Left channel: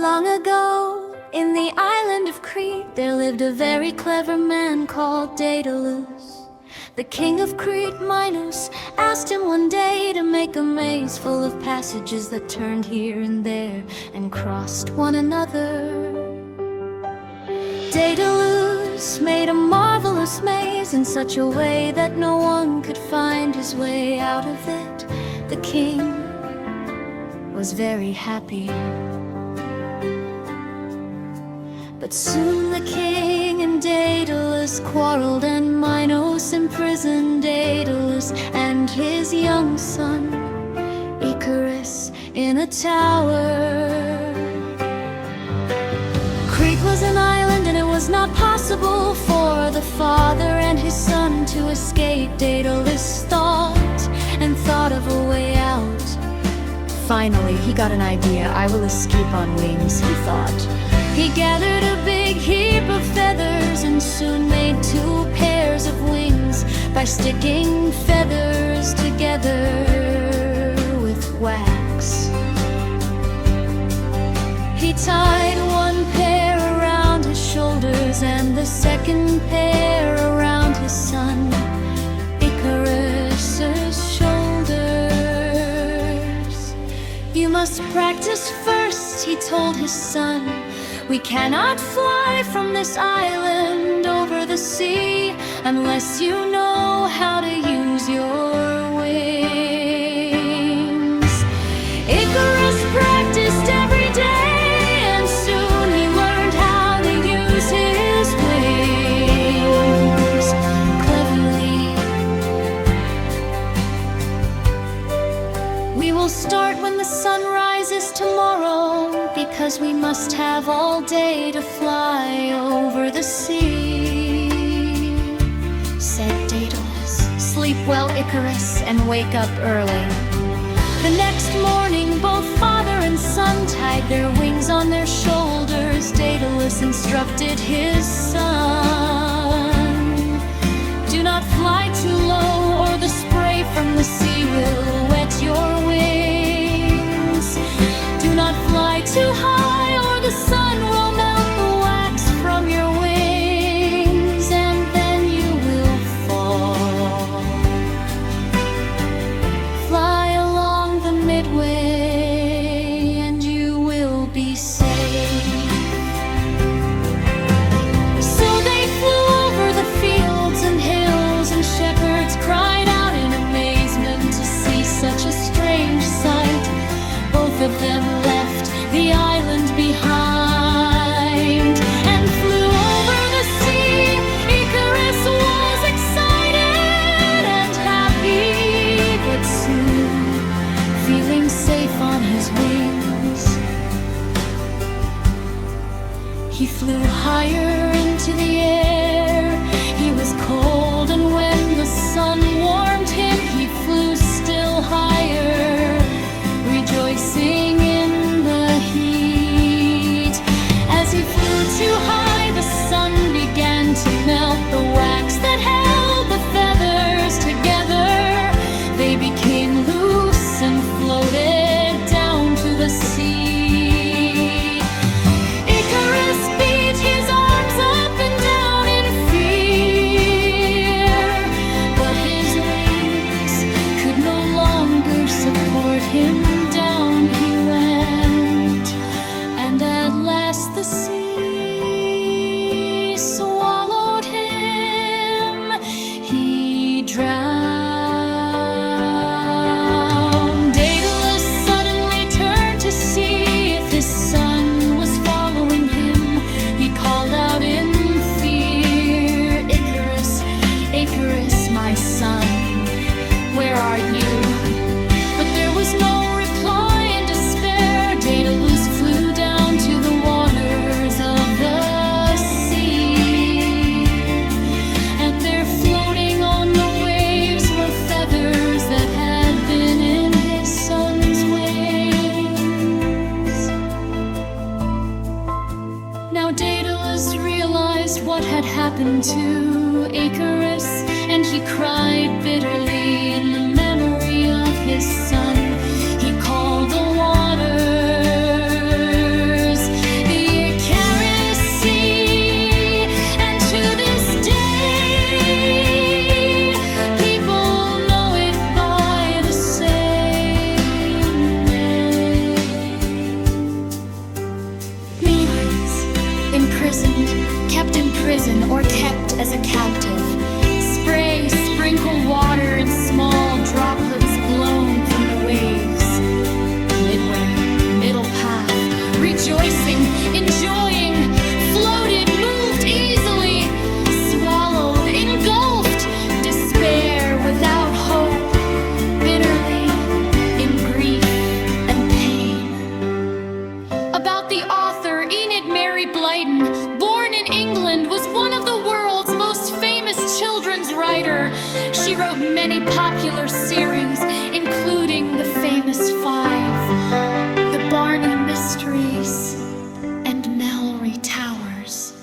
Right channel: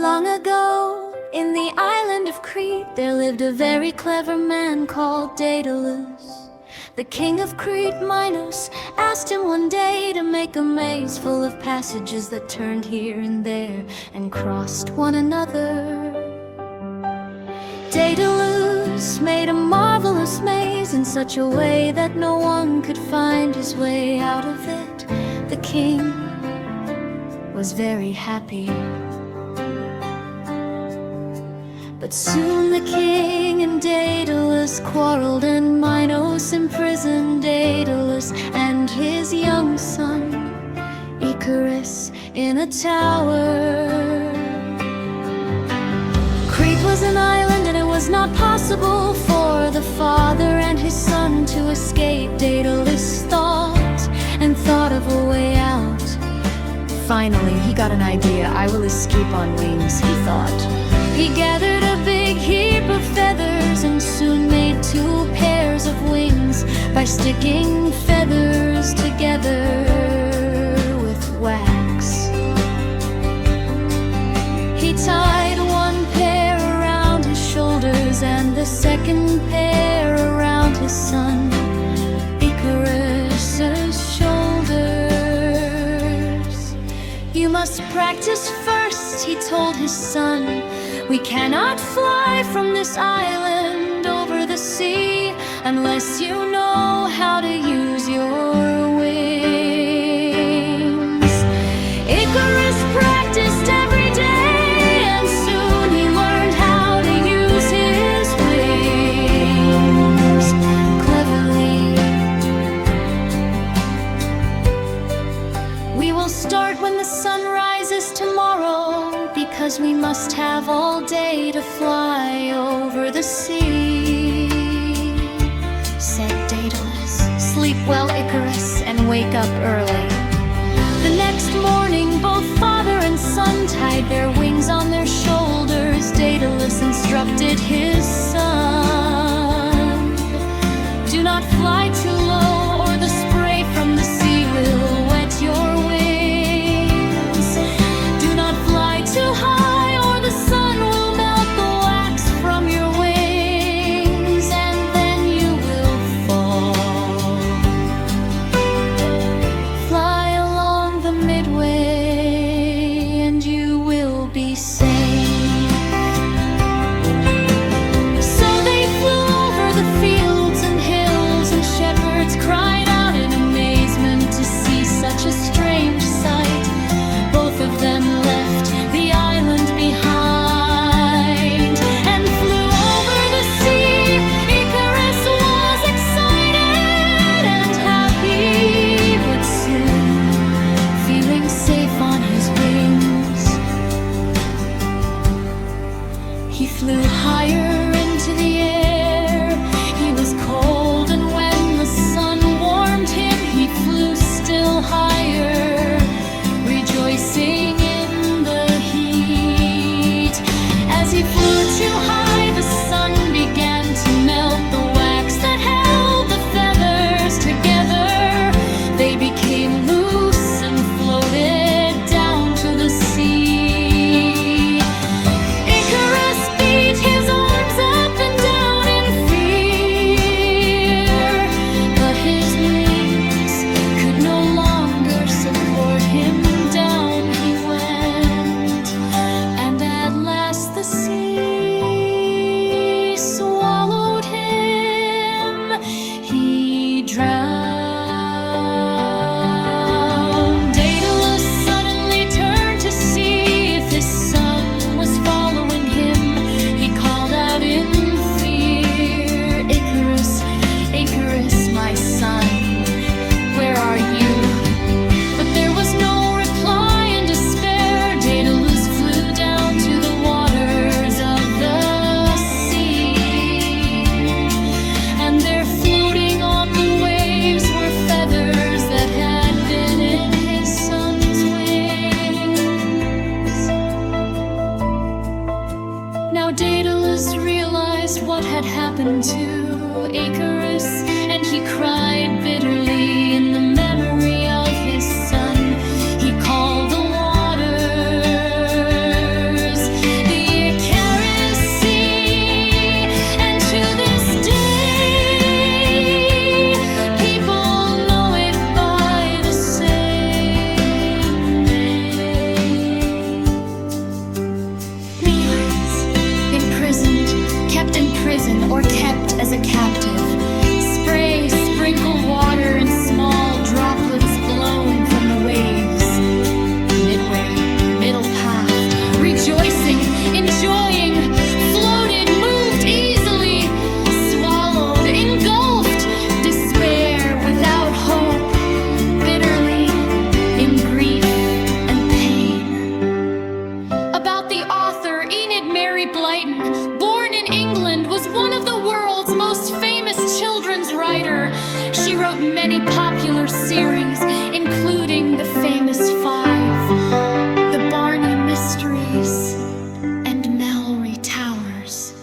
Long ago, in the island of Crete, there lived a very clever man called Daedalus. The king of Crete, Minos, asked him one day to make a maze full of passages that turned here and there and crossed one another. Daedalus made a marvelous maze in such a way that no one could find his way out of it. The king was very happy. But soon the king and Daedalus quarreled, and Minos imprisoned Daedalus and his young son, Icarus, in a tower. Crete was an island, and it was not possible for the father and his son to escape. Daedalus thought of a way out. Finally, he got an idea. I will escape on wings, he thought. He gathered a big heap of feathers and soon made 2 pairs of wings by sticking feathers together with wax. He tied 1 pair around his shoulders and the 2nd pair around his son, Icarus's shoulders. "You must practice first," he told his son. "We cannot fly from this island over the sea unless you know how to use your wings." Icarus practiced every day, and soon he learned how to use his wings cleverly. "We will start when the sun rises tomorrow, because we must have all day to fly over the sea," said Daedalus. "Sleep well, Icarus, and wake up early." The next morning, both father and son tied their wings on their shoulders. Daedalus instructed his son, "Do not fly too low, or the spray from the sea will wet your wings. Do not fly too high, or the sun will melt the wax from your wings, and then you will fall. Fly along the midway, and you will be safe." So they flew over the fields and hills, and shepherds cried out in amazement to see such a strange sight. Both of them left the island behind and flew over the sea. Icarus was excited and happy, but soon, feeling safe on his wings, he flew higher into the air. He was cold, and when the sun warmed him, he flew still higher, rejoicing in the heat. As he flew too high, the sun began to melt the wax that held the feathers together. They became loose and floated down to the sea. Icarus beat his arms up and down in fear, but his wings could no longer support him. Down he went, and at last the sea swallowed him. He drowned. Daedalus suddenly turned to see if his son was following him. He called out in fear, "Icarus, Icarus, my son, where are you?" But there was no reply. In despair, Daedalus flew down to the waters of the sea, and there, floating on the waves, were feathers that had been in his son's wings. Now Daedalus realized what had happened to Icarus, and he cried bitterly in the memory of his son. He called the waters locked in prison or kept as a captive. Spray, sprinkle water in small droplets blown from the waves. Midway, middle path, rejoicing, enjoying, floated, moved easily, swallowed, engulfed, despair without hope, bitterly, in grief and pain. About the author Enid Mary Blyton, born in England, was one of the world's most famous children's writer. She wrote many popular series, including the famous Five, The Barney Mysteries, and Mallory Towers.